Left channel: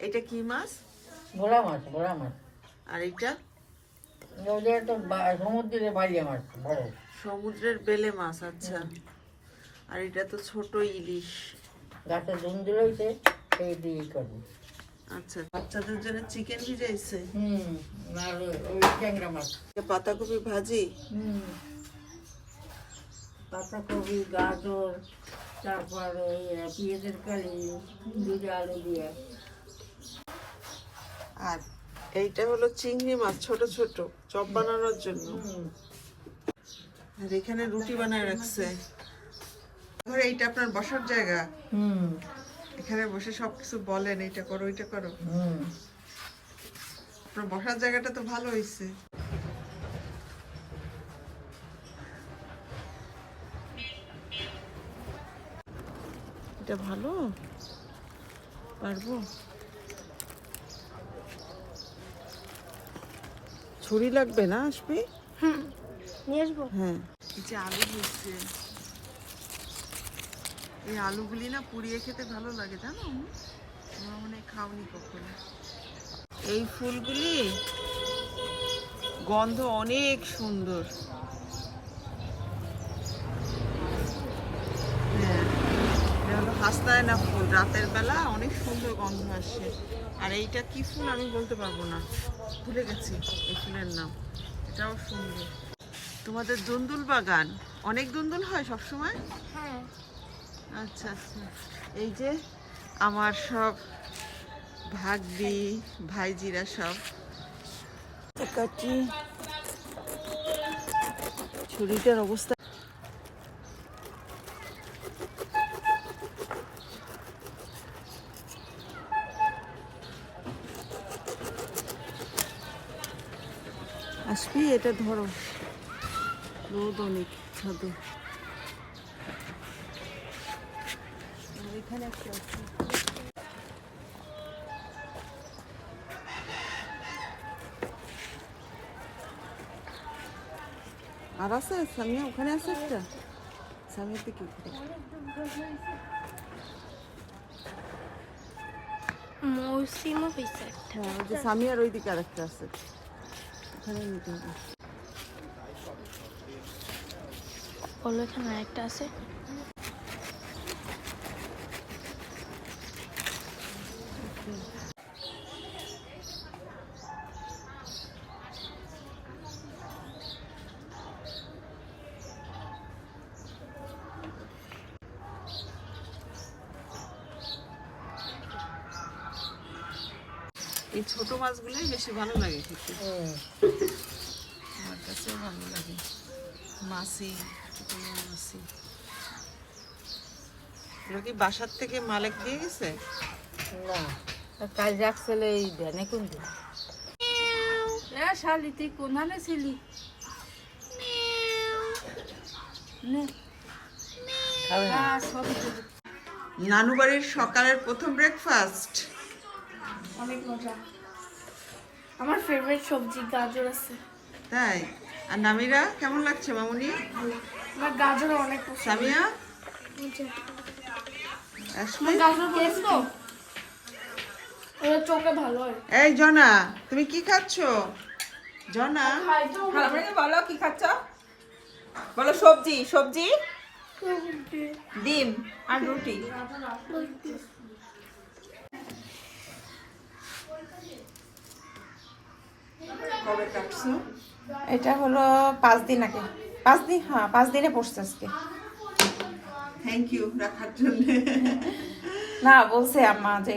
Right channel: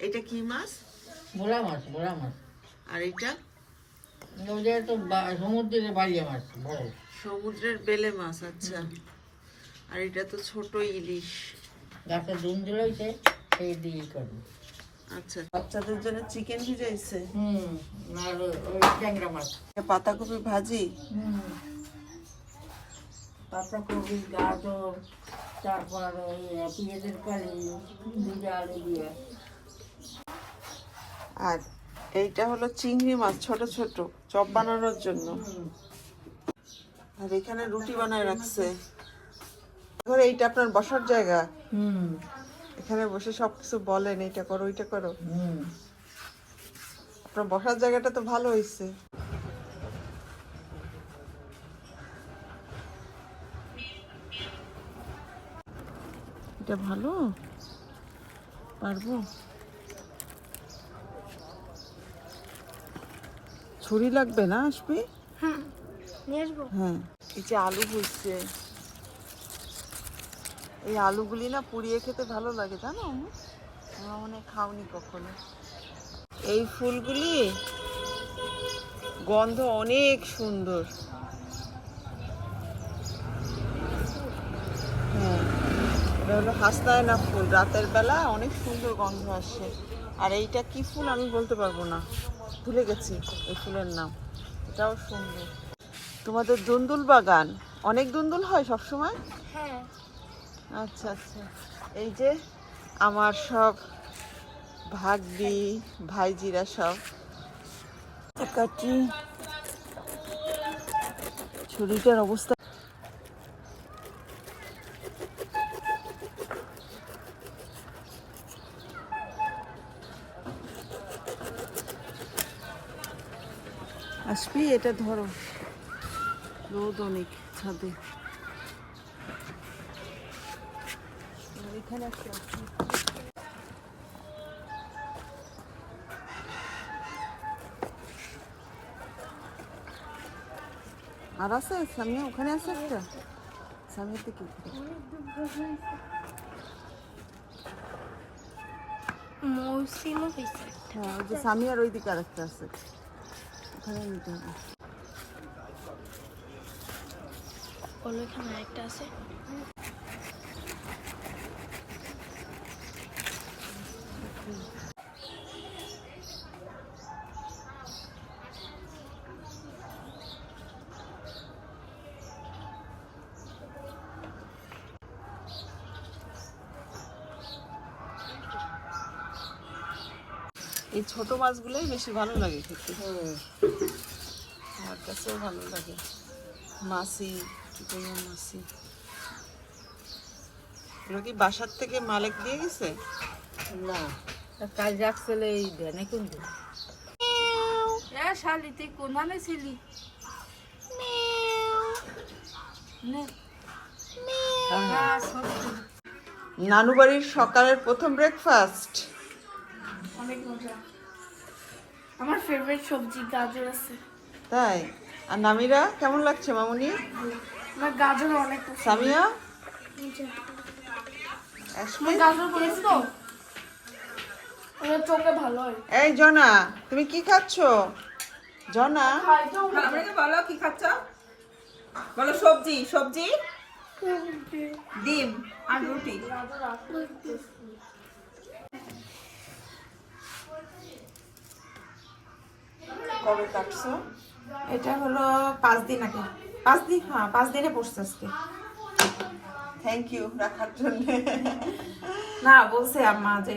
এটা কি মাছ? ভোলা মাছ ভোলা মাছ। আর এটা? সমুদ্রের মাছ বড় সমুদ্রের বেলে মাছ আচ্ছা। আর এটা তো ছোট ইলিশ। গাছে জুন দিলইছে সেই দিয়ে করব। আচ্ছা। বাচ্চাদের জন্য চিকেন ভিজাইছে হুম আর ওই ট্যাংরা মাছ। পাতাকপি ভাজি? হুম। পাতাকপি গাজর তারপর ওই পেঁয়াজের কালি দুটো আলু দিয়ে। আর এইটা হলো চিংড়ি মাছ ছোট ছোট চপ বানানোর জন্য। আর এখানে রুটি বানায় রাখছে। ঘরে এইটা আপনার বসার জায়গা। হুম। এখানে বসে সবকিছু বলেন এইটা করো ওইটা করো। হুম। আপনার বসার জায়গাটা তো ভালো হয়েছে এটা ভালো? পারব? ছুরি লাগবে না আসবি? নিয়ে আসব। হ্যাঁ। এই যে আলু হচ্ছে এই আলুগুলি না পুড়িয়ে খেতে ভালো লাগে জানো? আমরা মনে খাওনি কখনো। এই ফুলগুলি গন্ধ অনেক সুন্দর। হ্যাঁ এটা হলো হাসনায়না ফুল। রাতের বেলা অনেক সুন্দর গন্ধ আসে। আর এইটা কি ফুল আমি বলতে পারব না। ভুলে গেছি এই ফুলের নাম। এটাও সুন্দর। তোমাদের দুন্দুল বাগান অনেক দুন্দুল হয় সবসময়? সময় আচ্ছা আচ্ছা। এই যে আমার সব ভাগ্যি ভাইজিরা সব। কাটি ছুরিটার অবস্থা আসবি এটা ধরো। রোদ অনেক ছাদে। আর এখানে একটা আছে। আর আছে? সামিয়া ওখানে আছে একটা? সামিয়ার দিকে। মৌসিমও হয়েছে একটা। হ্যাঁ ওই যে সামিয়ার ওই দিকে আরেকটা আছে। ওখানে নিতে হবে এখানে আরেকটা আছে। এই ছোট মাছগুলোই বেশি ভালো লাগে খেতে। আমার কাছেও ভালো লাগে। মাসি চিতল মাসি এগুলো কি বাসার থেকে মালিক দিয়ে গেছে? না। কাল রাখছিল এই ধ্যানে কোন দিন? শালি তুই কোনখানে ছিলি? নানু বাড়ির সকালের প্রথম ব্রেকফাস্ট অনেক মজা। আমার ফেভারিট সবজি গাজর আছে। তাই? আর নামিরা কেমন লাগছে মামুনি? আমার গাজর অনেক পছন্দ। সামিয়া? তুমি গাজর খেয়েছো তো। চোখে ভালো এই জনা তুমি কি খাচ্ছ? জনা? বলো কি খাচ্ছ? বলো সবজি সবজি? ডিম আর রুটি। কবে কাটছো? এটা হলো পাঁচ দিন আগে। পাঁচ দিন হ্যাঁ পাঁচ দিনে পড়ছে আজকে। থ্যাংক ইউ রাখার জন্য। না বলছে আম্মা যে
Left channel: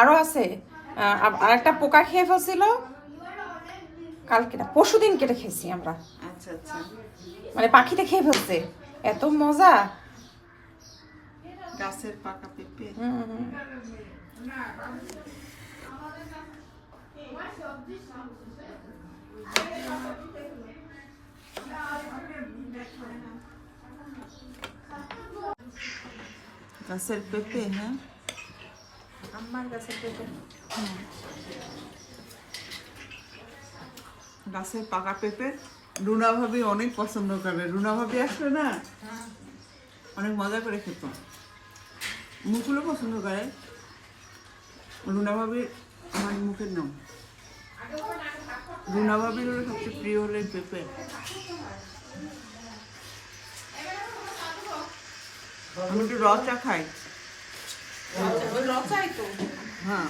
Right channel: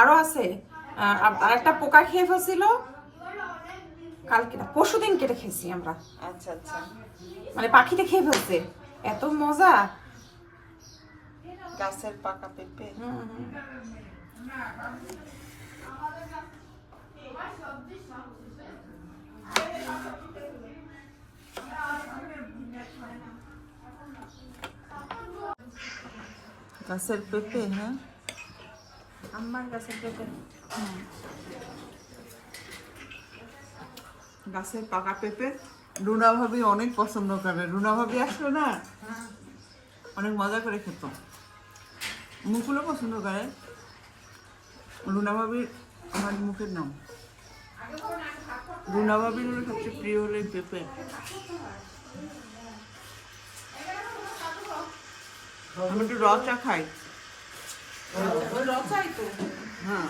আরও আছে। আর একটা পোকা খেয়ে ফেলছিল। কালকে না পরশু দিন কেটে খেয়েছি আমরা। আচ্ছা আচ্ছা। মানে পাখিতে খেয়ে ফেলছে। এত মজা। গাছের পাকা পেঁপে। হুম। গাছের পেঁপে হ্যাঁ আম্মার কাছে পেঁপে। গাছের পাকা পেঁপে রুনা ভাবি অনেক পছন্দ করে। রুনা ভাবি আসলে না অনেক মজা করে খেত। মুকুলও পছন্দ করে। রুনা ভাবি আমার মুখের নাম। রুনা ভাবির হলো সবচেয়ে প্রিয় হলো পেঁপে। আমি একটু র চা খাই। হ্যাঁ।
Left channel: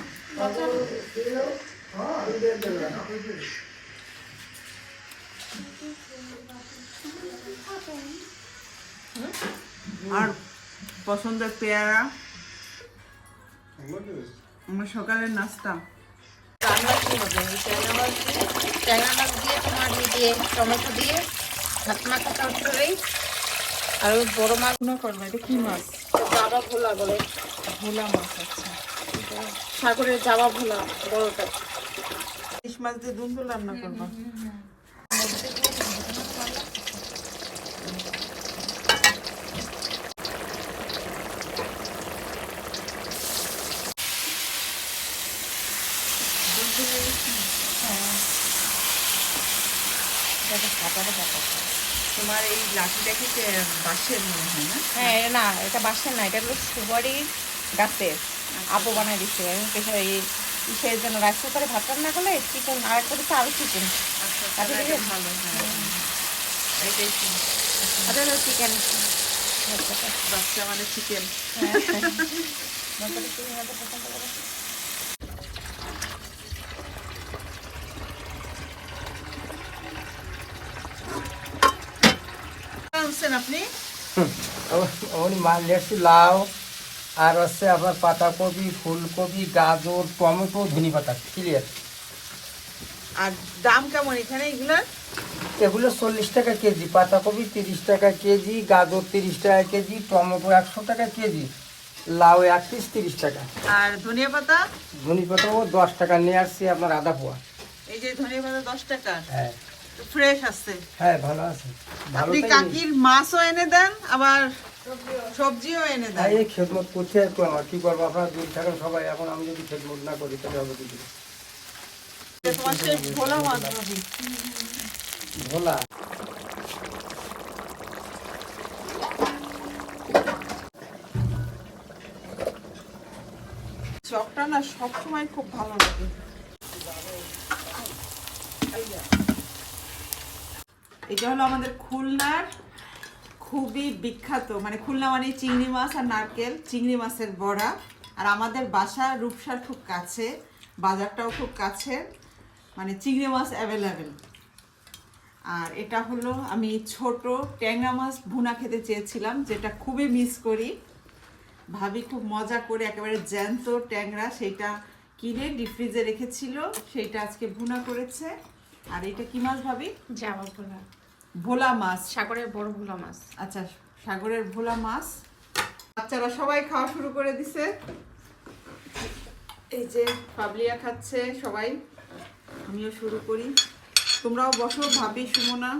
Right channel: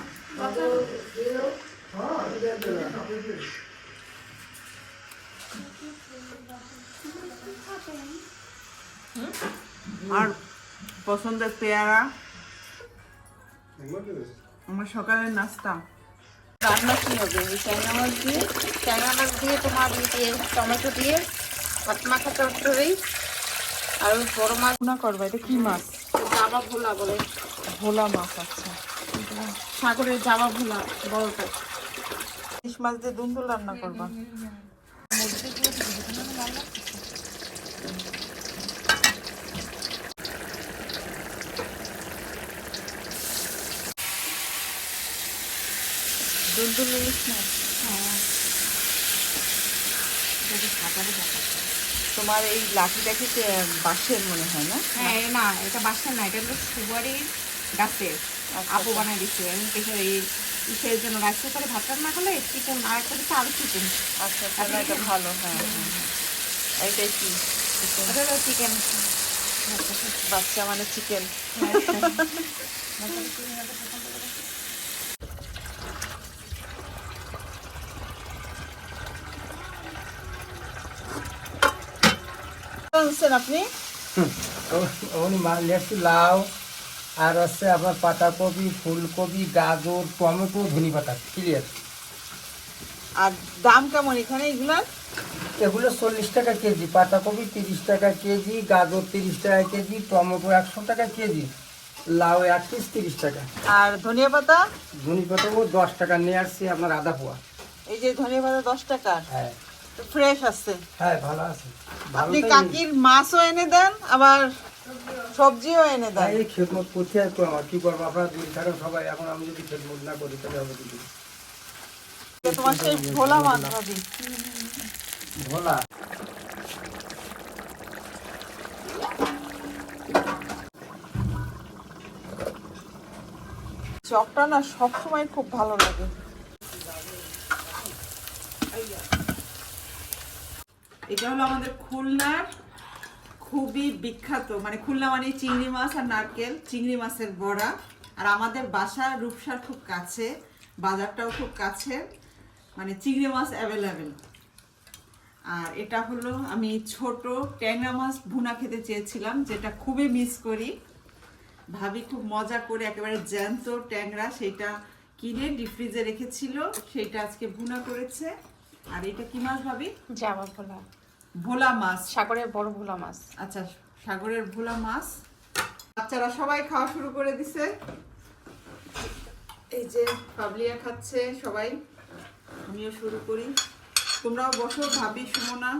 আর পছন্দের পেয়ারা? আমার সকালের নাস্তা। রান্না কি হবে চায়না মাছ দিয়ে চায়না মাছ দিয়ে তোমার দিয়ে টমেটো দিয়ে ভাত মাখো চচ্চড়ি আর ওই বড় মাছ না করবা এটা কি মাছ বাবা ভোলা বলে ভোলা মাছ আচ্ছা সাগরের জাবা ভোলা বড়টা ইলিশ মাছ দিয়ে দুন্দুল রান্না করবা তোমার এই লাঠিটা খেতে বাঁশের মনে হয় না? হ্যাঁ না এটা বাসের না এটা হলো সুপারির গাছের আপু বানাই দিচ্ছে। এই ইসের জন্য রাইস কুকারে ভাত রান্না করলে চিকেন আর একটা দিচ্ছে আরও চিকেন। আচ্ছা তাহলে এটা ভালো হ্যাঁ। এইটাই কি? চিকেন। বাচ্চা মানে চিকেন। আনছেন আপনি? লেটছি লাউ আর হচ্ছে আপনার পাতাকপি ফুলকপি গাজর টমেটো ধনে পাতা ক্লিয়ার আর দাম কেমন এখানে এগুলার? এগুলো চল্লিশ টাকা কেজি পাতাকপি তিরিশ টাকা কেজি গাজর তিরিশ টাকা কেজি টমেটো একশো টাকা কেজি লাউ এক পিস তিরিশ টাকা। আর ধনিয়া পাতা? ধনে পাতাও দশ টাকা নিয়ে আসছি আপনার আধা পোয়া। এই যে ধনিয়া পাতা দশ টাকা। হ্যাঁ। ফ্রেশ আছে। হ্যাঁ ভালো আছে। আপনি কাকির মাছও এনে দেন আবার সবজিও এনে দেন। এই- খেদমত করতে তো আমার কি করব? আপনারা দূর থাকেন সবাই এখন আমি যদি খেদমত না করি তাহলে হবে কি? করে? তোমার সেই ভোলা মাছ ভাবি ভোলা। চপটা না সবসময় খুব ভালো লাগে। এটা হলো আমাদের খুলনার খুবই বিখ্যাত মানে খুলনা মানে চিংড়ি মাছ আর নারকেল, চিংড়ি মাছের বড়া। আর আমাদের বাসা রূপসার খুব কাছে, বাজারটাও খুব কাছে মানে চিংড়ি মাছ অ্যাভেলেবেল আর এটা হলো আমি ছোট ট্যাংরা মাছ ভুনা খেতে চেয়েছিলাম, যেটা খুবই মিস করি। ভাবি খুব মজা করে একেবারে জ্যান্ত ট্যাংরা, সেটা কিনে ডিপ ফ্রিজে রেখেছিল, সেটা আজকে ভুনা করেছে। আর এটা কি মাছ ভাবি? জাবা ভোলা ভোলা মাছ। সাগরের বড় ভোলা মাছ। আচ্ছা সাগরের ভোলা মাছ। বাচ্চারা সবাই খাওয়া শুরু করে দিছে। এই যে পাবলিয়া খাচ্ছে সবাই। আমিও শুরু করি। তোমরাও বসো ভাবি সুমনা।